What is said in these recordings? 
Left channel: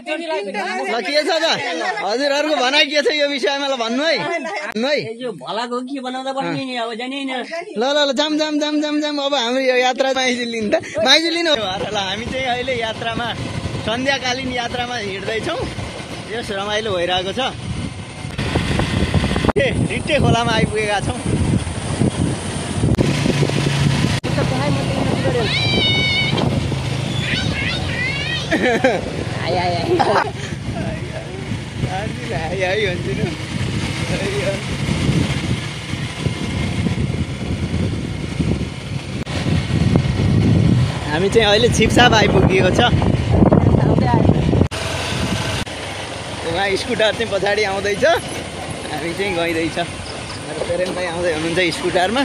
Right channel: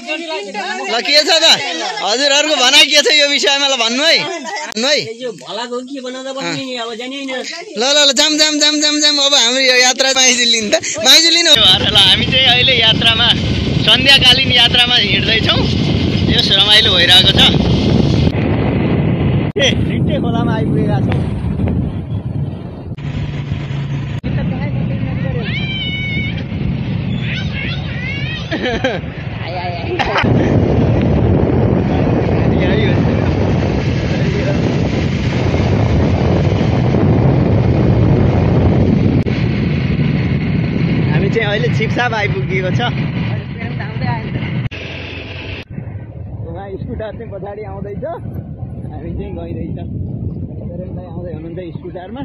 ल के छ त हजुरहरुको भनाइ के छ यो विषयमा ल भन्नु है ल ल ल जाम जाम जाम जाम जाम अब हाम्रो यो यात्रा माइजुलिन त माइजुलिन हो ल हामी चाहिँ अहिले यात्रामा सन्ध्याकालीन यात्रामा हिँड्दै छौं यस रमाइलो भइरहेको छ ए रिट्टे खोलामा आइपुगेका छौं हामी चाहिँ अहिले छिपछाप आइपुगेको छ उहाँ स्कुटर चाहिँ पछाडि आउँदैछ हामी चाहिँ गइदैछ पेरेन्ट भाइ आउँदै हुनुहुन्छ स्कुटरमा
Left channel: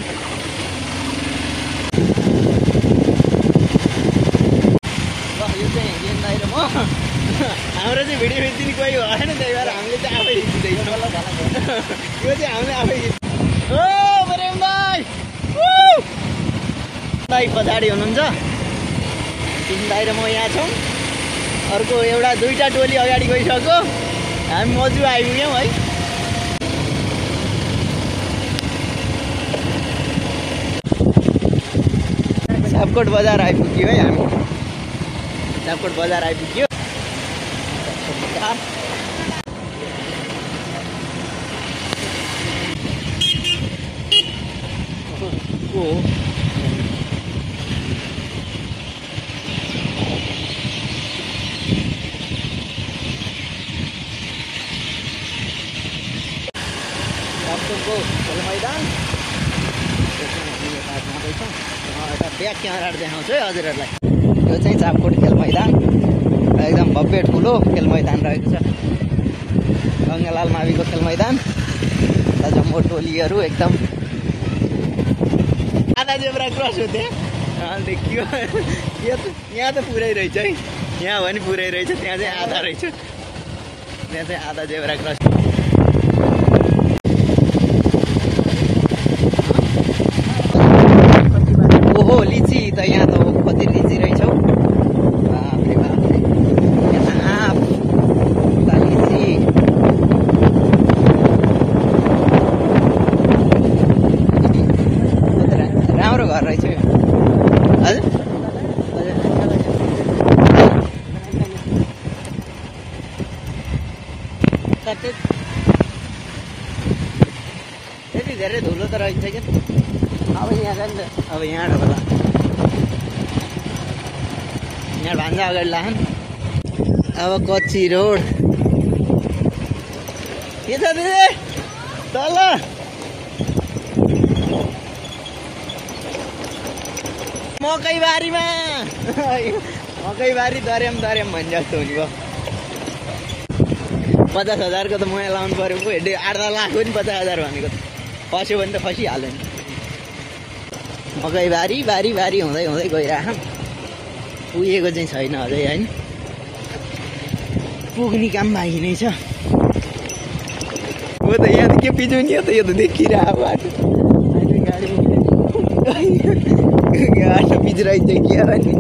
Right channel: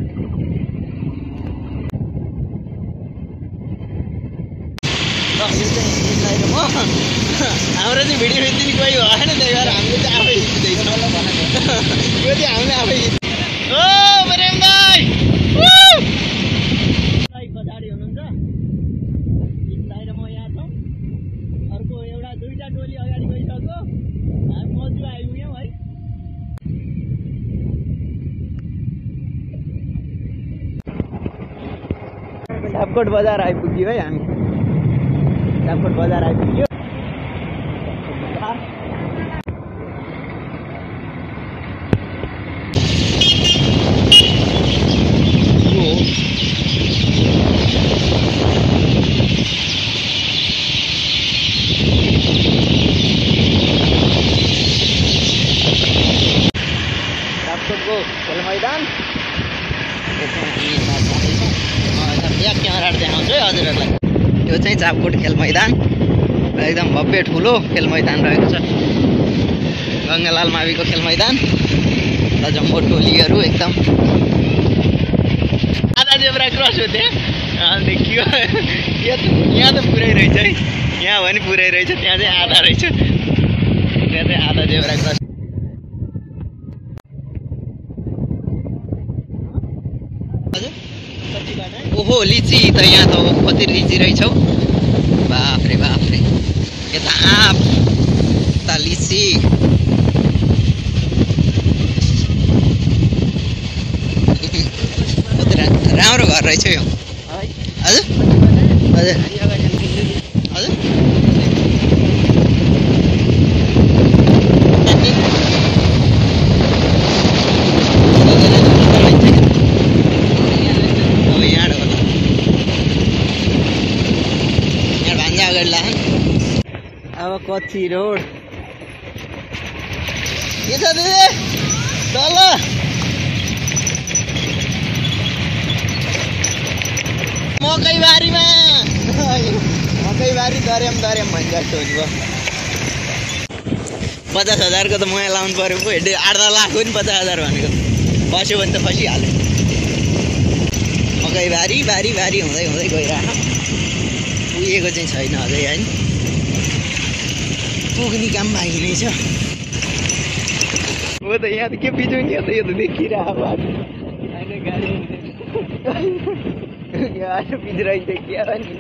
हाम्रो चाहिँ भिडियो खिच्दिने कोही भएन त्यही भएर हामीले चाहिँ आफै खिच्दैछौँ यो चाहिँ हामीले आफै ओ प्रेम भाइ भाइ पछाडि हुनुहुन्छ तिन भाइ र म यहाँ छौँ अर्को एउटा दुईटा टोली अगाडि गइसक्यो हामी मजु आइपुग्यौँ है सापकोट बजार आइपुग्यो है हामी सापकोट बजार आइपुग्यो खेल मैदान ब्याक क्यामेरा देखाउँछु है हजुरहरूलाई यो चाहिँ चापकोट खेल मैदान एकदम भव्य ठुलो खेल मैदान रहेको छ गङ्गालाल माविको खेल मैदान र जम्बो टोलीहरू एकदम आधा जेब्रा क्रस हो त्यहाँ देखियो यहाँ त पुरै रहेछ है यहाँ भने पुरै रहेछ त्यहाँ चाहिँ आधा रहेछ त्यहाँ चाहिँ आधा जेब्रा क्रस ओहो लिची त यहाँ त कति लिची रहेछ हौ बाफ्रे बाफ्रे यता आँप उता लिची राम्रो घर रहेछ यो हजुर हजुर अब यहाँ होला यहाँ भान्जा अगाडि लान अब कच्ची रोड के छ दिदी तल मकैबारीमा मकैबारी दर्याम दर्याम भन्छ जस्तो हुन्छ 50,000 को त मोया लाउनु पर्यो पो 8-10 लाख हो नि 50,000 भनेको फस्यो भने त फसिहाल्यो नि मकैबारी बारी बारी हुँदै हुँदै गइरहेको पुगेको चाहिँ छैन अझै हैन पुग्ने काम बाँकी नै छ हो त यहाँ त के पिजुनी हो त यो त देखिरहेको बाटो बाटो पिजराइ देखियो नि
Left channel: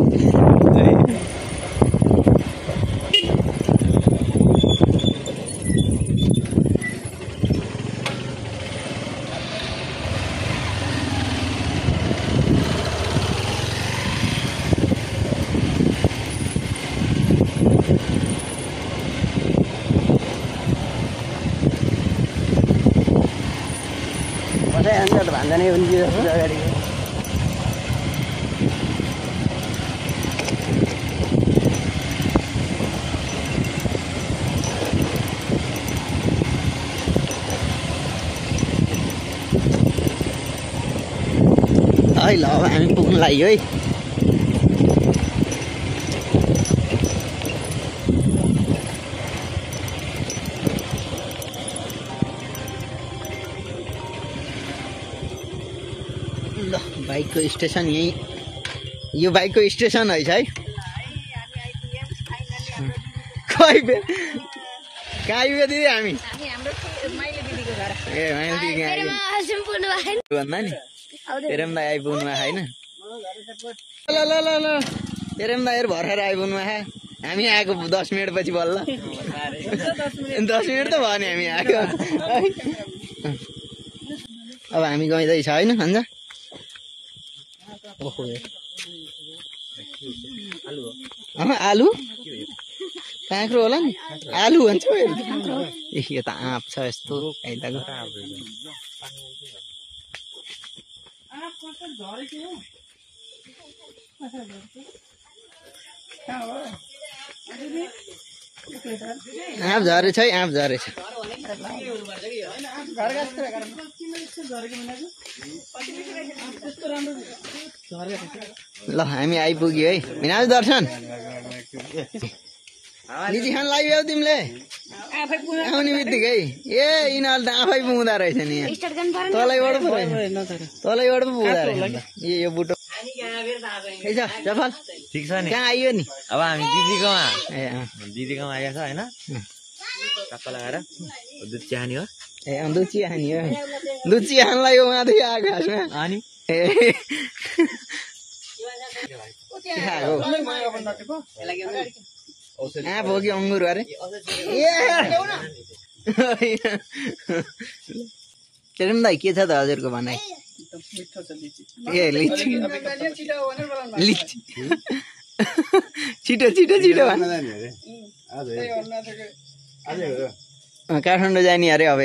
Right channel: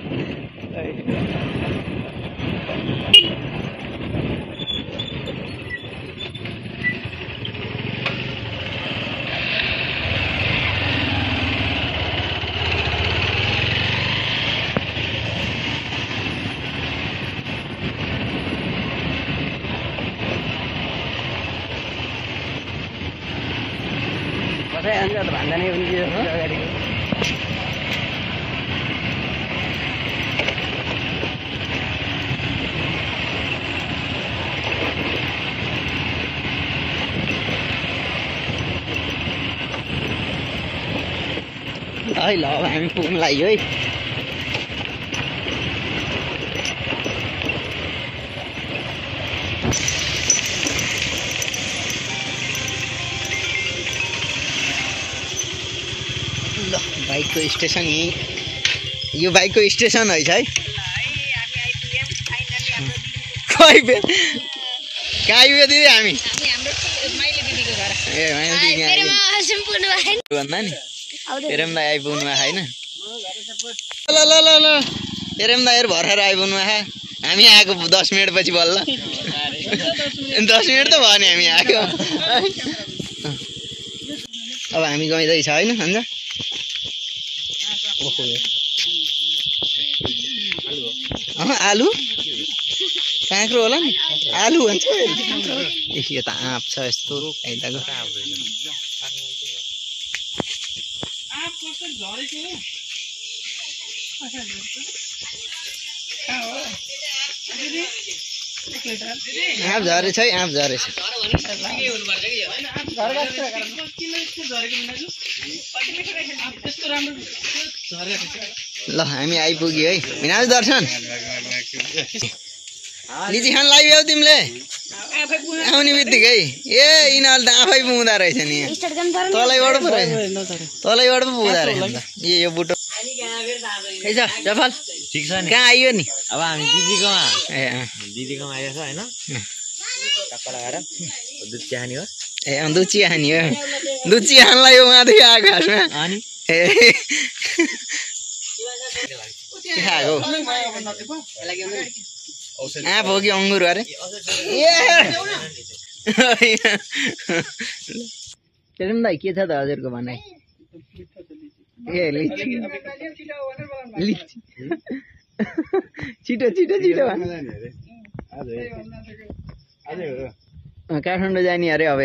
भान्दा उनकी अगाडि है ल अब हामी पुग्नु लाग्यो है बाइक को स्टेशन यो बाइक को स्टेशन है कही बेर कहाँ आइपुग्यो दिदी हामी ए माइले दिदी भन्दा नि प्रेम दाइ आइपुग्नु होइन ल ल ल ल प्रेम दाइहरू भर्खर आइपुग्नु हामी आएको 10 मिनेट पछि बल्ल 10 मिनेट त भयो नि हामी आएको अब हामी गइँदैछ हैन भन्छ आलु काँक्रो होला नि आलु भन्छ यो त आँप छ यस्तो आइदाको आँप झरेछ है आँप झरेछ ल हामी आइपुग्यो है भिनाजु दर्शन लिची खान लाग्यो तिमीले आउने बित्तिकै ए यिनीहरूले त आफै पुग्दा रहेछ नि तलैबाट पो रहेछ तलैबाट पो पुग्दा रहेछ यो बुटो खै छ जफल ठीक छ नि कहाँ आइयो नि अब हामी दिदीकोमा आएको छ हैन टक्क लगाएर दुध चिहानी हो ए दुध चिहानी हो दुध चिहानलाई यो माथि आएको खासमा अनि ए खाएको आँप हो कि अङ्गुर अरे केरम दाइ के छ त हजुरको भनाइ ए लिची लिची छिटो छिटो छिटो काठमाडौँ जाने अरे अब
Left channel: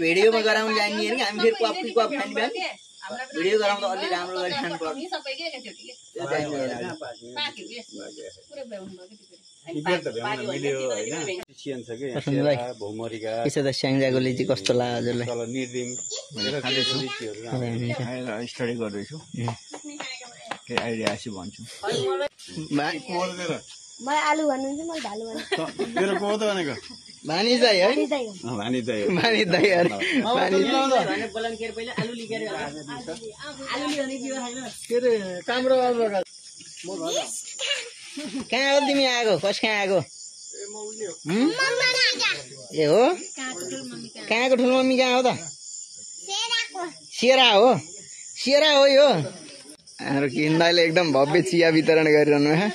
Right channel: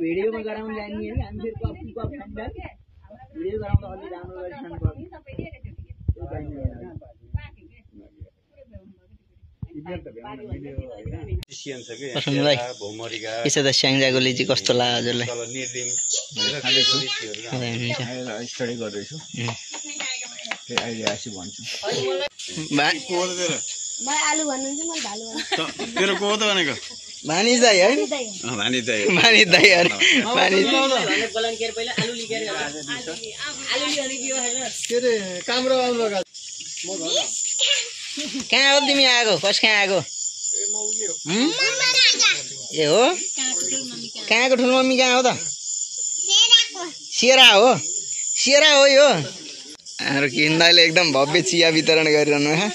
भिडियोमा गराउनु जाने कि हामी फेरि क्वाप क्वाप खाने भए भिडियो गराउँदा अलि राम्रो गरी खानु पर्छ यसो त स्याङ्जाको लिची कस्तो लाग्यो हजुरलाई स्टडी गर्दैछु अहिले आएपछि भन्छु आलु भन्नुहुन्छ मैले भालु भन्छु तेरो को त भनेको भानिज दाइ है भानिज दाइ भानिज दाइ अरे भानिज कहाँ हो तिमी आएको कस कहाँ आएको ए हो कहाँको ठुलो मम्मी कहाँ हो त सेरा हो यो हाम्रो किन्दाले एकदम भव्य चिया वितरण गरिरहनु है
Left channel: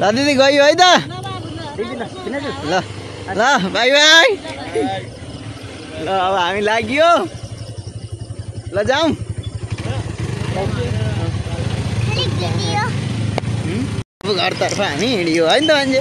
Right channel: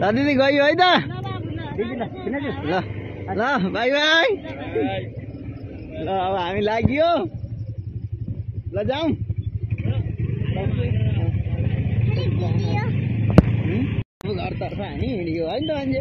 ल दिदी गयो है त ल ल बाई बाई ल अब हामी लाग्यो ल जाउँ घरतर्फ हामी हिँडियो है नि त मान्छे